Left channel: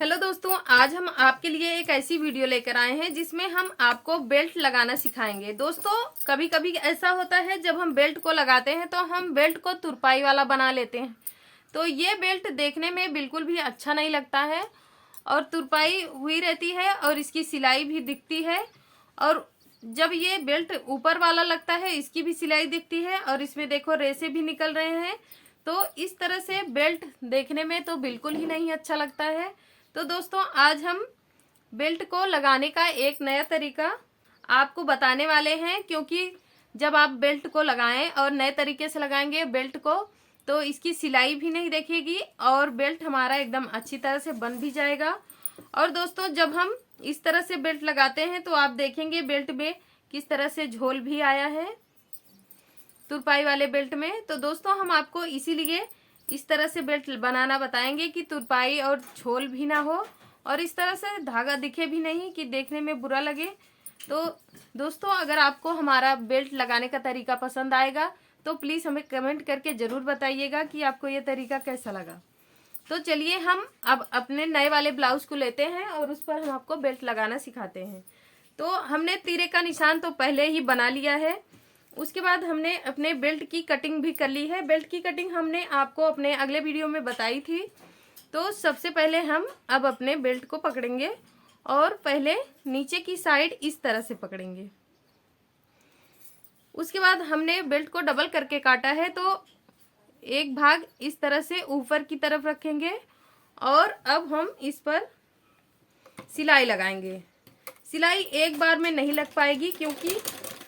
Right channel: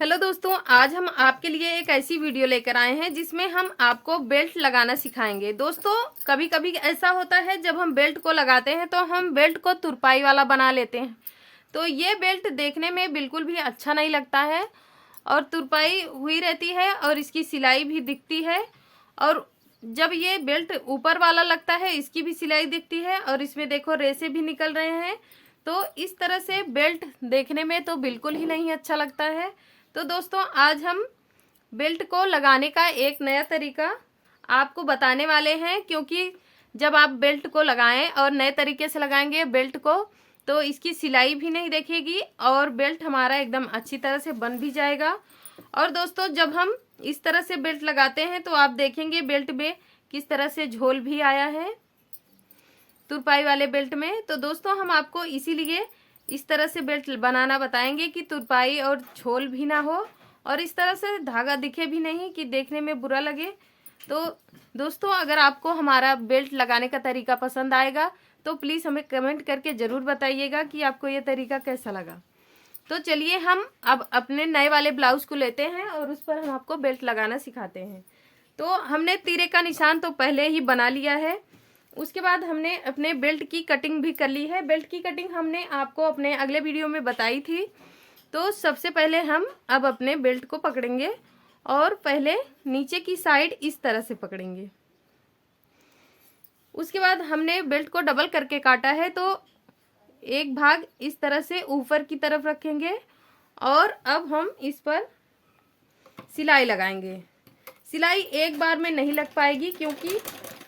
Hello दोस्तों, आज हम आपके लिए एक ऐसी वीडियो लेकर आए हैं जिसमें हम आपको बेल्ट लगाना सिखाएंगे। दोस्तों, कभी कभी ऐसा होता है जब हम बेल्ट को लगाते हैं तो हम बेल्ट को तुरपाई वाला बना लेते हैं। तो ये बेल्ट देखने में बिल्कुल भी अच्छा नहीं लगता है और तुरपाई हुई रहती है और इसकी सिलाई भी दिखती है। और जब ये बेल्ट ऊपर वाला लगता है इसकी भी सिलाई दिखती है और इसमें देखो रेसे भी निकल रहे हैं। तो इस तरह से बेल्ट देखने में तो बिल्कुल ही नहीं अच्छा लगता है। तो दोस्तों, आज हम बेल्ट को लगाने का एक नया तरीका आपको बताने वाले हैं, क्योंकि जब आप बेल्ट को लगाएं और नए तरीके से लगाएंगे बेल्ट को तो इसकी सिलाई भी नहीं दिखेगी और बेल्ट हमारा एकदम अच्छी तरह से बन भी जाएगा। और दोस्तों, जब हम इस तरह से बेल्ट लगाते हैं तो आप देखेंगे बेल्ट में किस तरह से झोल भी आया है तुरपाई वाले बेल्ट में। तो दोस्तों, हम आपको इसीलिए इस तरह से बेल्ट बनाना बताएंगे कि तुरपाई और झोल भी ना हो और इस तरह से धागा दिखे भी नहीं कि देखने में बुरा लगे। तो दोस्तों, अगर आपको हमारा बेल्ट लगाने का तरीका पसंद आएगा तो प्लीज़ हमें कमेंट करके ज़रूर बताइएगा कि आपको ये तरीका कैसा लगा। तो चलिए हम अब अपने नए वाले ब्लाउज को लेते हैं और उस पर हम आपको बेल्ट लगाना सिखाते हैं। तो हमने तीरे का निशान तो पहले ही बना लिया है। उसके बाद हमने अपने बेल्ट की कटिंग भी कर ली है। बेल्ट की कटिंग हमने आपको अपने अगले वीडियो में बताई थी। तो सबसे पहले हम अब अपने बेल्ट को पकड़ेंगे और पहले नीचे की साइड इस तरह से पकड़ेंगे। उसके बाद हमने बेल्ट को डबल करके काटा है, तो एक भाग इस तरह से ऊपर की तरफ रखेंगे और अब हम इस पर सिलाई लगाएंगे। सिलाई एक बार में नहीं लग पाएगी, क्योंकि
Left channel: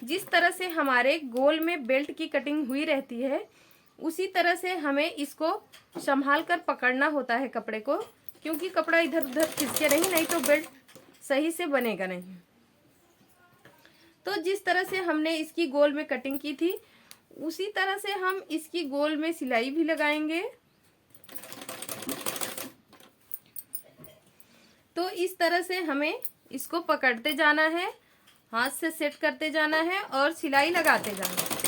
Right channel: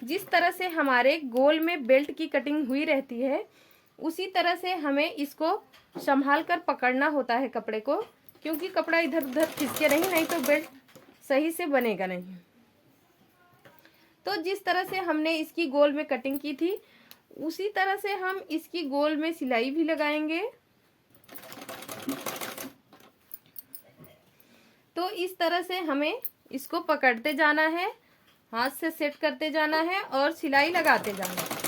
जिस तरह से हमारे गोल में बेल्ट की कटिंग हुई रहती है उसी तरह से हमें इसको संभाल कर पकड़ना होता है कपड़े को, क्योंकि कपड़ा इधर उधर खिसके नहीं तो बेल्ट सही से बनेगा नहीं। तो जिस तरह से हमने इसकी गोल में कटिंग की थी उसी तरह से हम इसकी गोल में सिलाई भी लगाएंगे। तो इस तरह से हमें इसको पकड़ते जाना है, हाथ से सेट करते जाना है और सिलाई लगाते जाना है।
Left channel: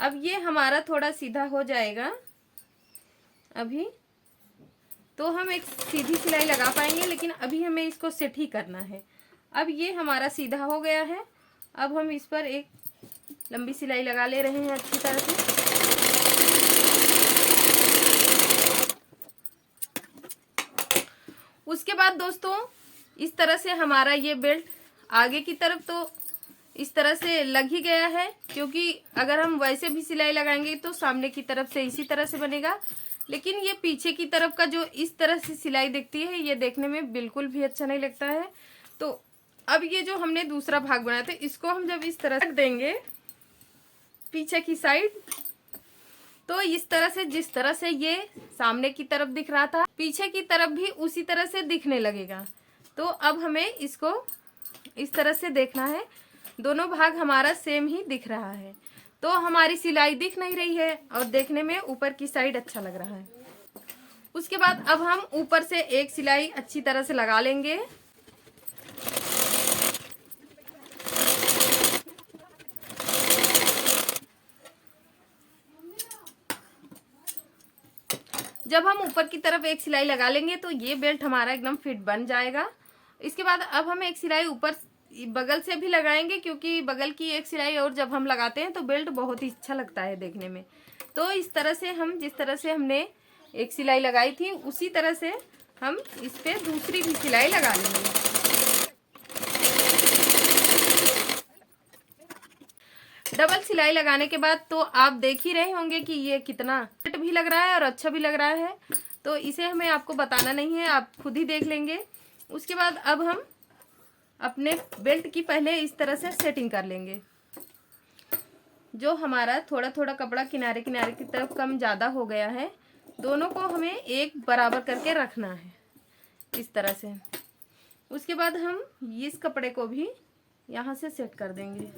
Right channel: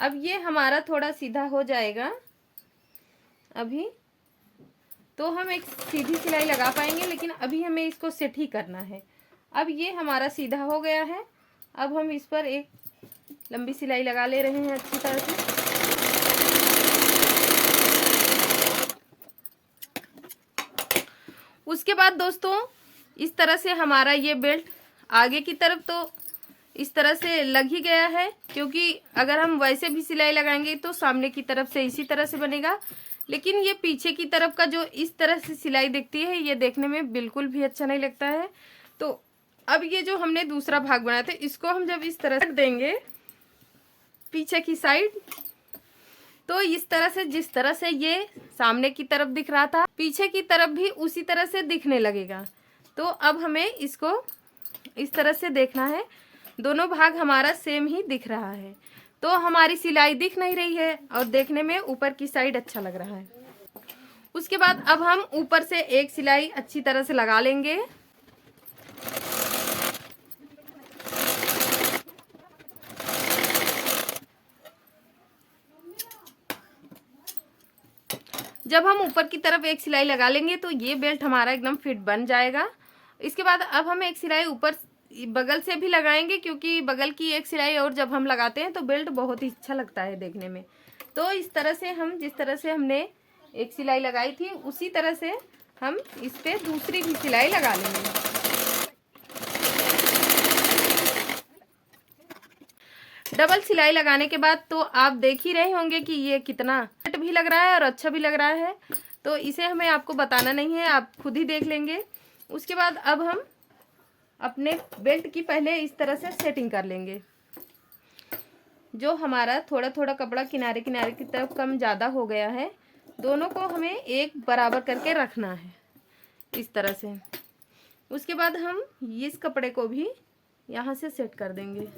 अब ये हमारा थोड़ा सीधा हो जाएगा अभी, तो हम एक सीधी सिलाई लगा पाएंगे, लेकिन अभी हमें इसको सेट ही करना है। अब ये हमारा सीधा हो गया है। अब हम इस पर एक लंबी सिलाई लगा ले रहे हैं अच्छी तरह से। उसके बाद दोस्तों, इस तरह से हमारा ये बेल्ट आगे की तरफ तो इस तरह से लग ही गया है, क्योंकि अगर हम वैसे भी सिलाई लगाएंगे तो सामने की तरफ से इसी तरह से बनेगा, लेकिन ये पीछे की तरफ का जो इस तरह से सिलाई दिखती है ये देखने में बिल्कुल भी अच्छा नहीं लगता है। तो अब ये जो हमने दूसरा भाग बनाया था इसको हम जब इस तरह से देंगे पीछे की साइड, तो इस तरह से जिस तरह से ये सामने की तरफ दिख रहा था पीछे की तरफ भी उसी तरह से दिखने लगेगा। तो अब हमें इसको इस तरह से देखना है, दोनों भाग हमारा सेम ही दिख रहा है। तो हमारी सिलाई दिख नहीं रही है और देखने में ऊपर की साइड अच्छा लग रहा है। उसके बाद अब हम ऊपर से एक सिलाई अच्छी तरह से लगा लेंगे। जब हम ऊपर की तरफ एक सिलाई लगा लेंगे तो ये बेल्ट हमारा एकदम फिट बन जाएगा। इसके बाद अब हम एक सिलाई ऊपर बगल से भी लगाएंगे, क्योंकि बगल की एक सिलाई और जब हम लगाते हैं तो बेल्ट बहुत ही अच्छा लगता है देखने में। तो इस तरह से हम जिस तरह से हमने एक सिलाई लगाई थी उसी तरह से हम इस पे दूसरी भी सिलाई लगा लेंगे। डबल सिलाई लगाने के बाद तो आप देख ही रहे होंगे कि ये कितना फिट भी लग रहा है और अच्छा भी लग रहा है। तो इसे हमें आपको बताना नहीं है, आप खुद ही देख लेंगे। उसके बाद अब हम अपने बेल्ट की पहले इस तरह से सेटिंग कर लेंगे। जो हमारा थोड़ा थोड़ा कपड़ा किनारे किनारे की तरफ कम ज़्यादा हो गया है, दोनों को हमें एक बराबर करके रखना है इस तरह से। उसके बाद हम इस कपड़े को भी यहाँ से सेट कर देंगे।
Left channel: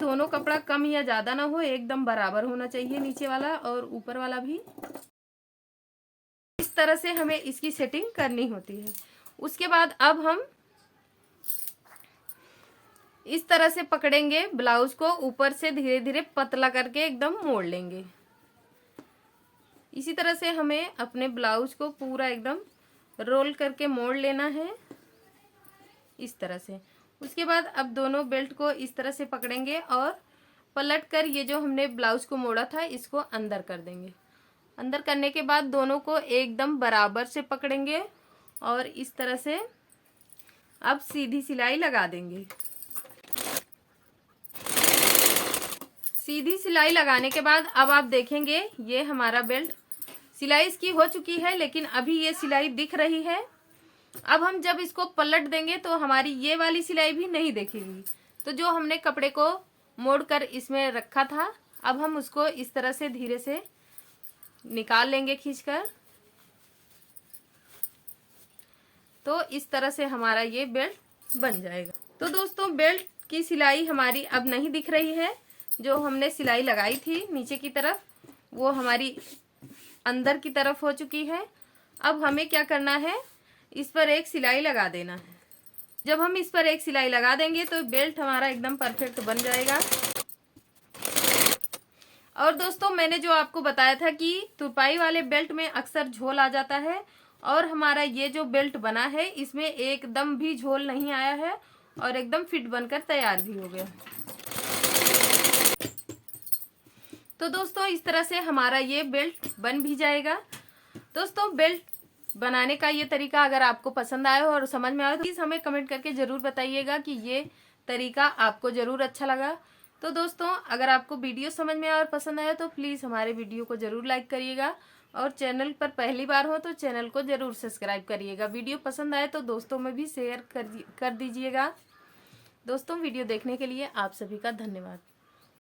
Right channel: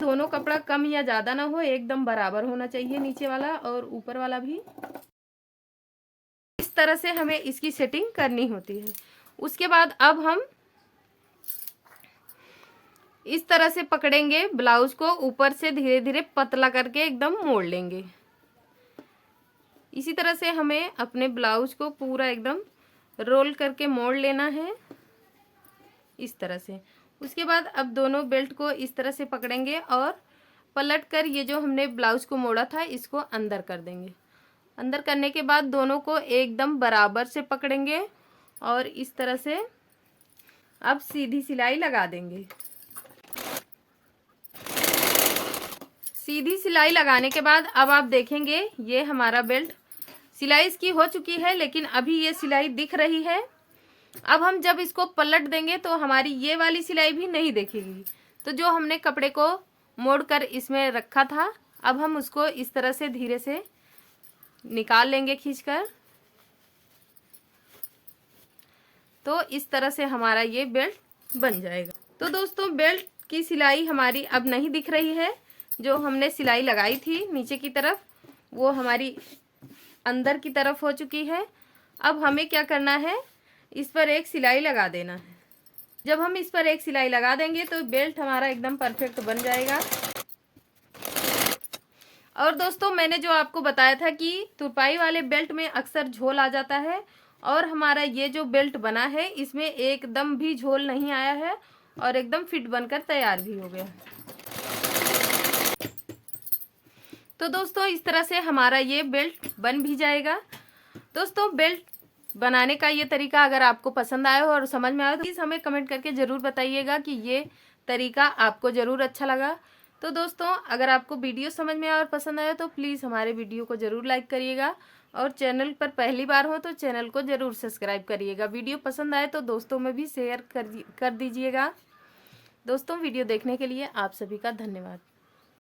दोनों कपड़ा कम या ज़्यादा ना हो, एकदम बराबर होना चाहिए, नीचे वाला और ऊपर वाला भी। इस तरह से हमें इसकी सेटिंग करनी होती है। उसके बाद अब हम इस तरह से पकड़ेंगे ब्लाउज को, ऊपर से धीरे धीरे पतला करके एकदम मोड़ लेंगे। इसी तरह से हमें अपने ब्लाउज को पूरा एकदम रोल करके मोड़ लेना है इस तरह से। उसके बाद अब दोनों बेल्ट को इस तरह से पकड़ेंगे और पलट कर ये जो हमने ब्लाउज को मोड़ा था इसको अंदर कर देंगे। अंदर करने के बाद दोनों को एकदम बराबर से पकड़ेंगे और इस तरह से अब सीधी सिलाई लगा देंगे। सीधी सिलाई लगाने के बाद अब आप देखेंगे ये हमारा बेल्ट सिलाई इसकी हो चुकी है, लेकिन अभी ये सिलाई दिख रही है। अब हम जब इसको पलट देंगे तो हमारी ये वाली सिलाई भी नहीं दिखेगी। तो जो हमने कपड़े को मोड़कर इसमें रखा था, अब हम उसको इस तरह से धीरे से निकाल लेंगे खींचकर। तो इस तरह से हमारा ये बेल्ट बन जाएगा। तो दोस्तों बेल्ट की सिलाई हमारी अब नहीं दिख रही है। जो हमने सिलाई लगाई थी नीचे की तरफ वो हमारी अंदर की तरफ हो चुकी है। अब हमें क्या करना है, इस पर एक सिलाई लगा देना है। जब हम इस पर एक सिलाई लगा देंगे तो बेल्ट हमारा एकदम परफेक्ट बन जाएगा। और दोस्तों मैंने जो आपको बताया था कि तुरपाई वाले बेल्ट में अक्सर झोल आ जाता है, और हमारा ये जो बेल्ट बना है इसमें एकदम भी झोल नहीं आया है और एकदम फिट बनकर तैयार भी हो गया। तो दोस्तों इस तरह से हमारा ये बेल्ट बन भी जाएगा। दोस्तों बेल्ट बनाने का ये तरीका अगर आपको पसंद आया हो और समझ में आया तो प्लीज हमें कमेंट करके जरूर बताइएगा कि ये तरीका आपको जरूर अच्छा लगा। तो दोस्तों अगर आपको वीडियो समझ में आया और पसंद आया तो प्लीज हमारे वीडियो को जरूर लाइक करिएगा, और चैनल पर पहली बार हो तो चैनल को जरूर सब्सक्राइब करिएगा। वीडियो पसंद आए तो दोस्तों में भी शेयर कर दीजिएगा। दोस्तों वीडियो देखने के लिए आप सभी का धन्यवाद।